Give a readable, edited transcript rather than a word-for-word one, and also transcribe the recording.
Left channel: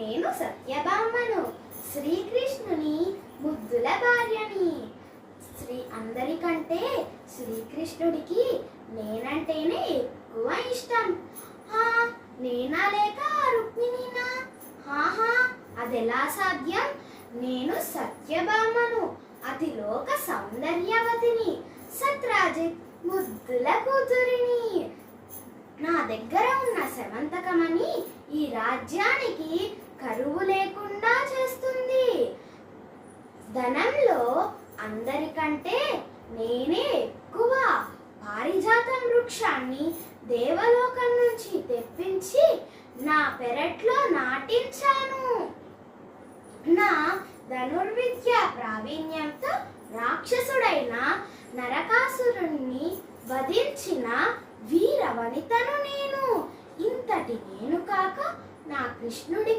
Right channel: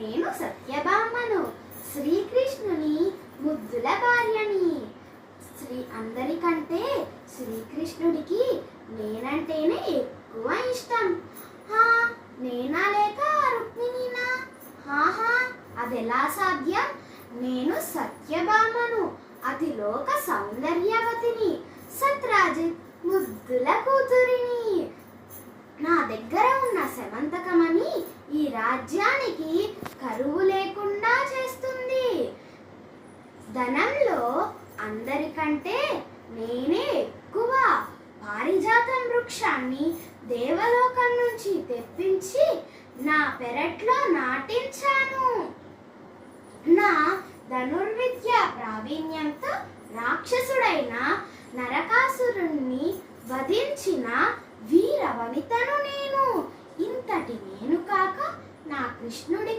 నేను సత్యభామను, శ్రీకృష్ణుని ముద్దుల భార్యని. అందరికంటే శ్రీకృష్ణుడికి నేనంటేనే ఎక్కువ ఇష్టం. నేనా లేక రుక్మిణీనా? అదెలా సాధ్యం? నేను సత్యభామను, అతిలోక సౌందర్యవతిని, సత్రాజిత్ ముద్దుల కూతురిని. నా దగ్గర ఉన్న శమంతకమణి ఈ రాజ్యానికి కరువు లేకుండా చేస్తుంది. ధనంలో అందరికంటే నేనే ఎక్కువ. పారిజాతం వృక్షాన్ని దేవలోకం నుంచి తెప్పించి నా పెరట్లో నాటించాను. నా ధనుర్విద్య ప్రావీణ్యంతో రాక్షసుడైన నరకాసురుణ్ణి వధించిన వీర వనితను నేను. ఇంతటి నేను కాక నా కృష్ణుడి